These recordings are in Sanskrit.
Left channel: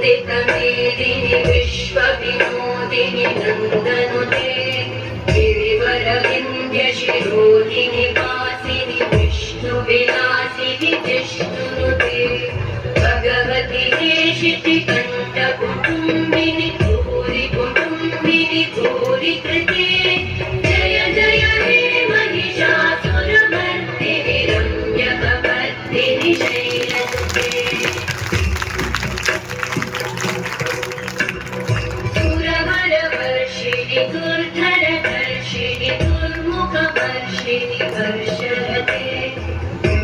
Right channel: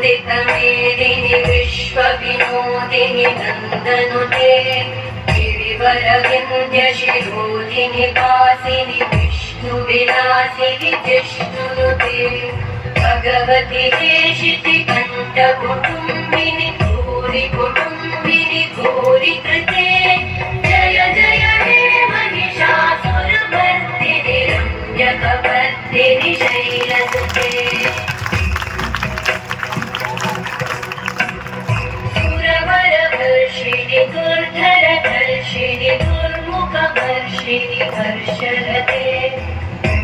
नन्दितमेदिनि विश्वविनोदिनि नन्दनुते गिरिवरविन्ध्यशिरोधिनि वासिनि विष्णुविलासिनि जिष्णुनुते भगवति हेशितिकण्ठकुटुम्बिनि भूरि कुटुम्बिनि भूरि कृते जय जय हे महिषासुरमर्दिनि रम्यकपर्दिनि शैलसुते दुर्धरधर्षिणि दुर्मुखवर्षिणि हर्षरते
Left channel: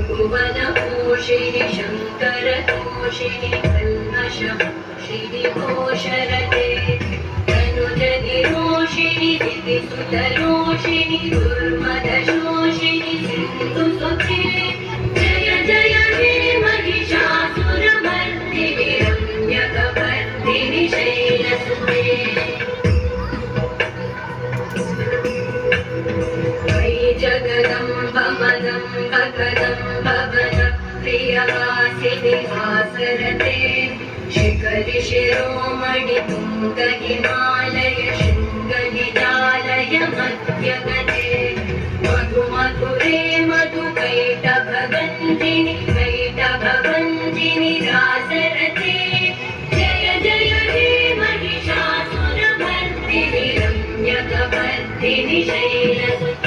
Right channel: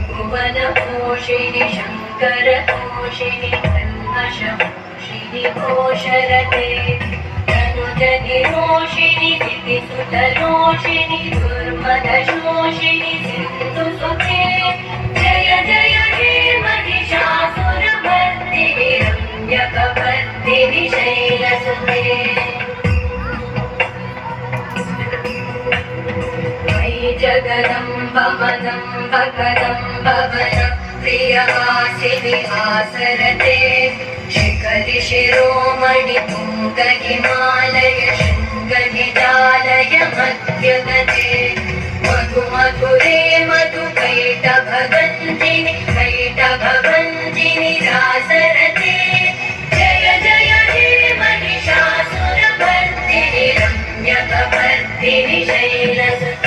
भुवनपोषिणि शङ्करतोषिणि कल्मषमोषिणि घोषरते तनुजनिरोषिणि दितिसुतरोषिणि दुर्मदशोषिणि सिन्धुसुते जय जय हे महिषासुरमर्दिनि रम्यकपर्दिनि शैलसुते जगदम्ब मदम्ब कदम्ब वन प्रियवासिनि आसरते शिखरि शिरोमणि तुङ्ग हिमालय शृङ्गनिजालय मध्यगते मधु मधुरे मधुकैटभगञ्जिनि रासरते जय जय हे महिषासुरमर्दिनि रम्यकपर्दिनि शैलसुते